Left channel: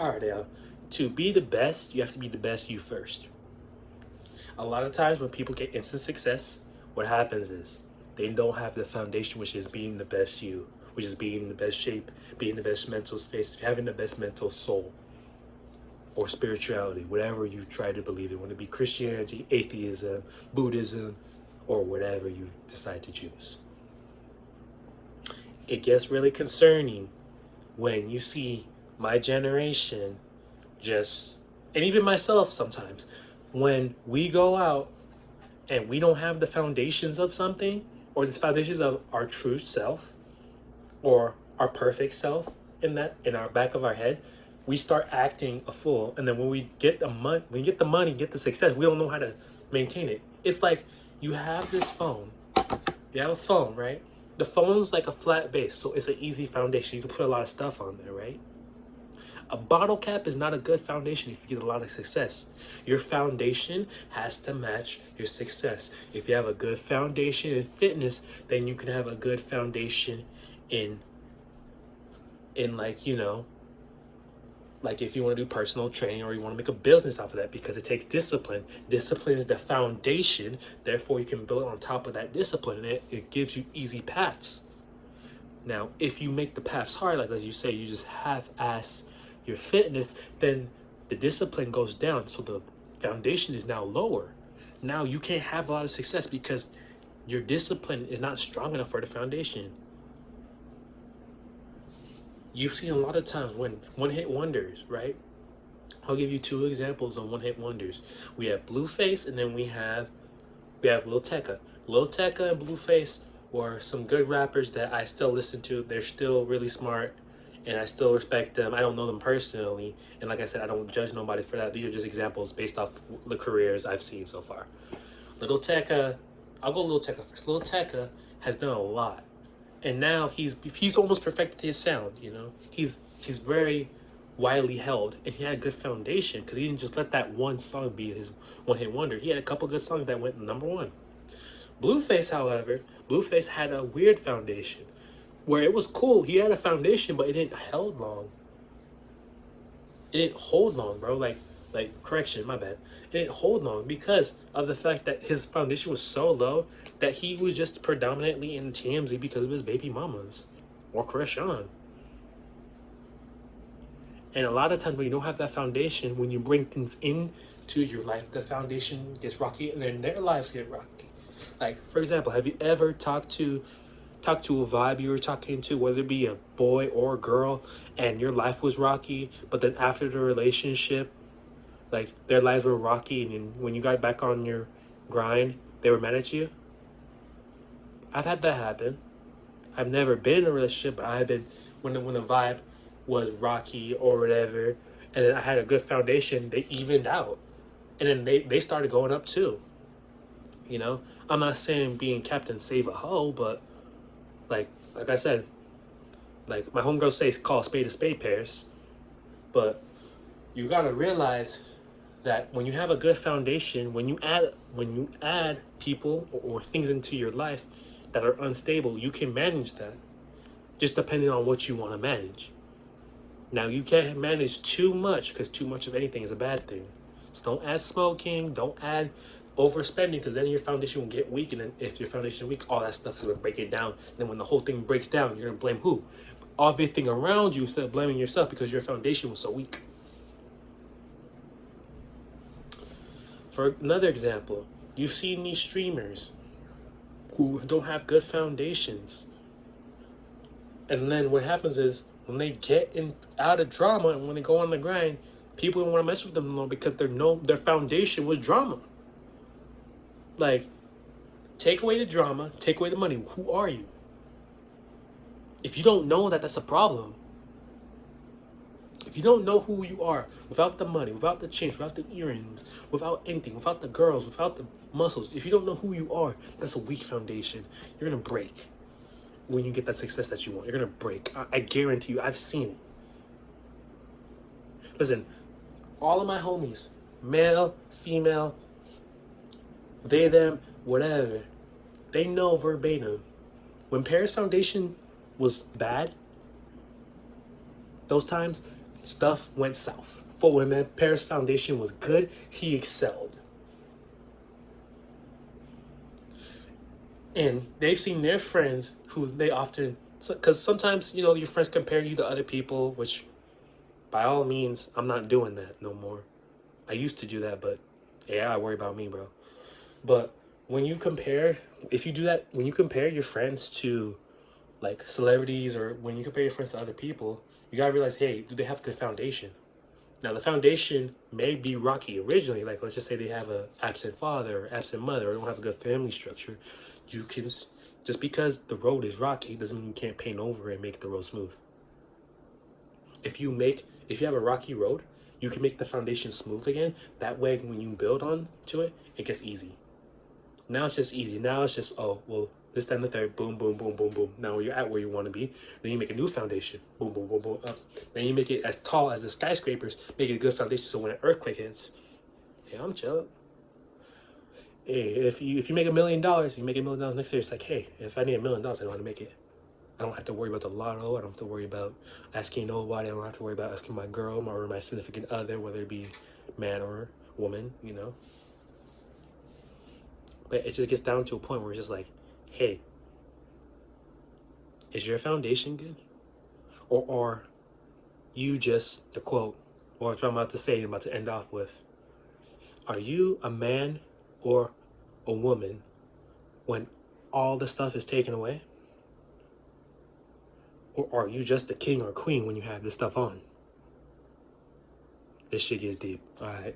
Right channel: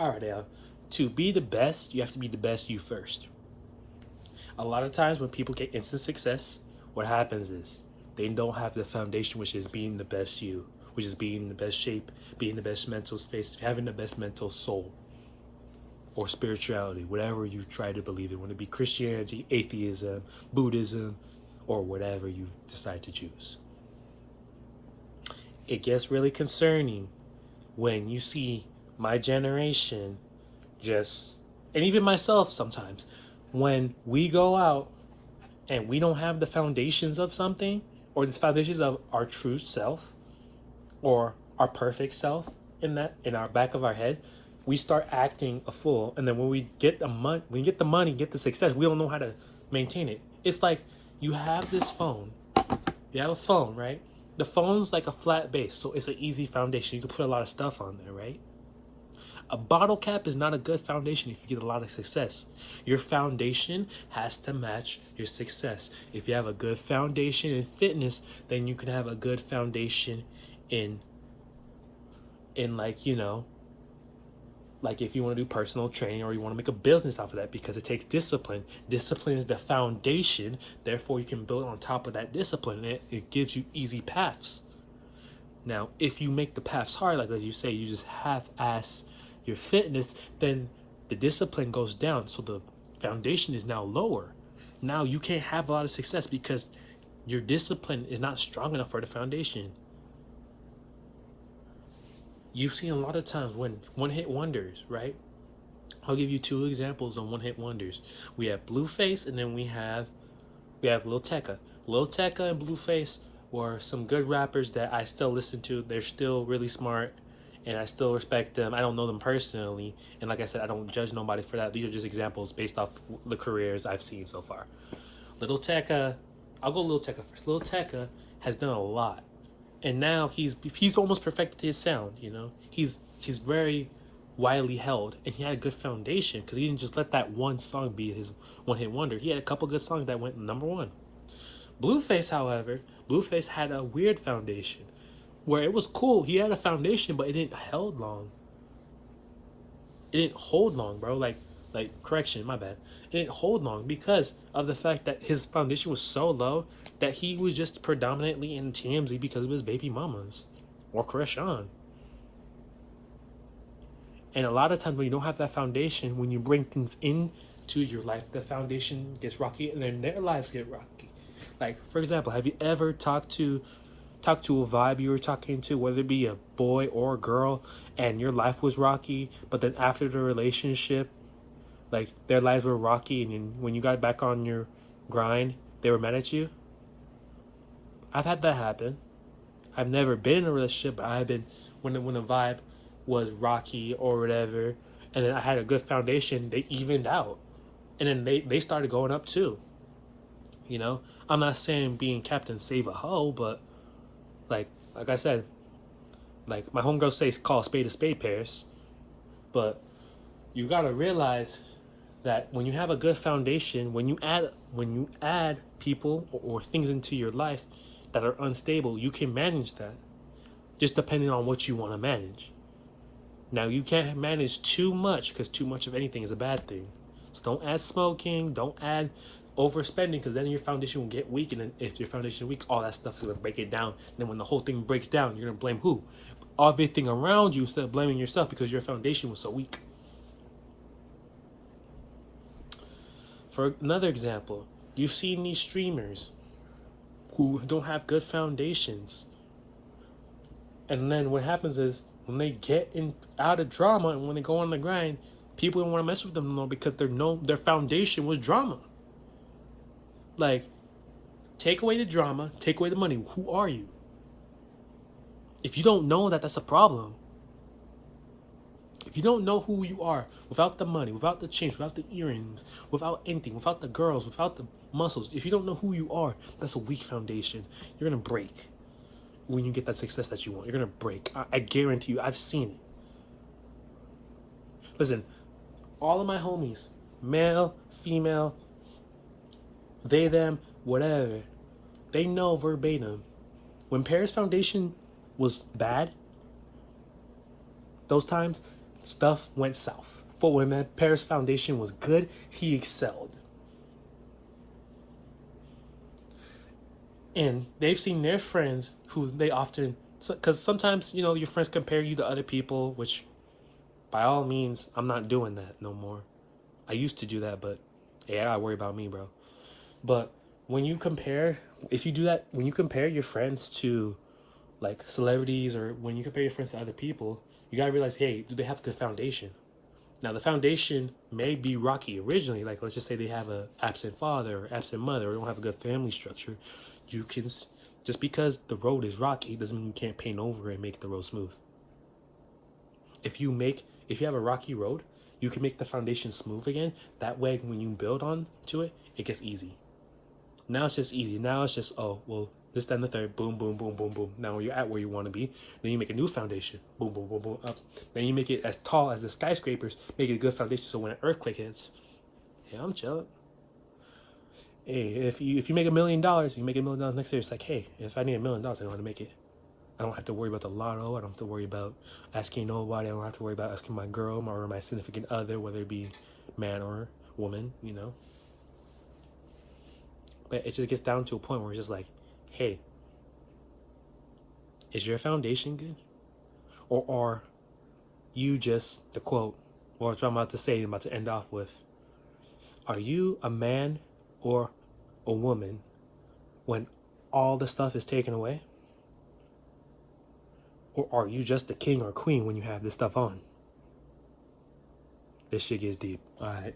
All right, now, to be the best, you have to be the best you first. A lot of times when people get instant success, what happens is they don't have the foundation, which is being the best you, which is being in the best shape, being the best mental space, having the best mental soul or spirituality, whatever you try to believe in, whether it be Christianity, atheism, Buddhism, or whatever you decide to choose. It gets really concerning when you see my generation just, and even myself sometimes, when we go out and we don't have the foundations of something, or the foundations of our true self or our perfect self in our back of our head, we start acting a fool. And then when we get the money, get the success, we don't know how to maintain it. It's like you have this phone. You have a phone, right? The phone's like a flat base, so it's an easy foundation. You can put a lot of stuff on there, right? A bottle cap is not a good foundation if you get a lot of success. Your foundation has to match your success. If you have a good foundation in fitness, then you can have a good foundation in like, like if you want to do personal training or you want to make a business off of that, because it takes discipline. Discipline is the foundation, therefore you can build on top of that discipline, and it gives you easy paths. Now, if you make the paths hard, like as you say, you just half-ass your fitness, then the discipline goes down, so the foundation is now lower. Now you can't have a lot of success because your discipline is not strong enough for the foundation. You've seen a lot of times when one-hit wonders, right? I'll give you two examples of one-hit wonders. We have Blueface, and then we have Lil Tecca. Lil Tecca and Blueface were some good rappers that I still listen to. They're still really smart, and I still respect them. I don't know them personally, and like I said, I don't judge nobody for that. These are just examples based off the careers I've seen so far. Lil Tecca, I'll go Lil Tecca first. Lil Tecca has done a lot, and now he's almost perfected his sound. He's very widely held, and he had a good foundation because he didn't just let that one song be his one-hit wonder. He had a couple good songs that went number one. Blueface, however, Blueface had a weird foundation where it was cool. He had a foundation, but it didn't hold long. It didn't hold long, bro. Correction, my bad. It didn't hold long because of the fact that his foundation was so low that he was just predominantly in TMZ because of his baby mamas or Krishan. And a lot of times when you don't have that foundation, when you bring things into your life, the foundation gets rocky and then their lives get rocky. Like, for example, have you ever talked to a vibe you were talking to, whether it be a boy or a girl, and your life was rocky, but then after the relationship, like, their lives were rocky, and then when you got back on your grind, they were mad at you? I've had that happen. I've never been in a relationship, but I've been, when the vibe was rocky or whatever, and then I had a good foundation, they evened out. And then they started going up too. I'm not saying being Captain Save a Hoe, but like I said, like my homegirls say, call a spade pairs. But you gotta realize that when you have a good foundation, when you add people or things into your life that are unstable, you can manage that. Just depending on what you want to manage. Now, you can't manage too much because too much of anything is a bad thing. So don't add smoking, don't add overspending, because then your foundation will get weak, and then if your foundation is weak, all that stuff is going to break it down. And then when the whole thing breaks down, you're going to blame who? Everything around you instead of blaming yourself because your foundation was so weak. For another example, you've seen these streamers who don't have good foundations. And then what happens is, when they get out of drama and when they go on the grind, people don't want to mess with them no more because their foundation was drama. Like, take away the drama, take away the money. Who are you? If you don't know that, that's a problem. If you don't know who you are, without the money, without the chains, without the earrings, without anything, without the girls, without the muscles, if you don't know who you are, that's a weak foundation. You're going to break. When you get that success that you want, you're going to break. I guarantee you, I've seen it. Listen, all of my homies, male, female, they, them, whatever, they know verbatim. When Paris Foundation was bad, those times, stuff went south. But when my parents' foundation was good, he excelled. And they've seen their friends who they often, because sometimes, your friends compare you to other people, which by all means, I'm not doing that no more. I used to do that, but yeah, I worry about me, bro. But when you compare, if you do that, when you compare your friends to like celebrities, or when you compare your friends to other people, you gotta realize, hey, do they have a good foundation? Now, the foundation may be rocky originally. Like, let's just say they have a absent father or absent mother, or don't have a good family structure. You can, just because the road is rocky doesn't mean you can't paint over and make the road smooth. If you have a rocky road, you can make the foundation smooth again. That way, when you build on to it, it gets easy. Now it's just easy. Now it's just, oh, well, this, then the third, boom, boom, boom, boom, boom. Now you're at where you want to be. Then you make a new foundation, boom, boom, boom, boom, up. Then you make it as tall as the skyscrapers, make it a good foundation. So when an earthquake hits, hey, I'm chilling. Hey, if you make $1 million, you make $1 million next year. It's like, hey, if I need $1 million, I know how to make it. I don't have to worry about the lotto. I don't have to worry about asking nobody. I don't have to worry about asking my girl or my significant other, whether it be man or woman, But it just gets down to a point where it's just like, hey, is your foundation good? Or are you just, the quote, what I'm about to say, I'm about to end off with, are you a man or a woman when all the stuff is taken away? Or are you just the king or queen when you have this stuff on? This shit gets deep. All right.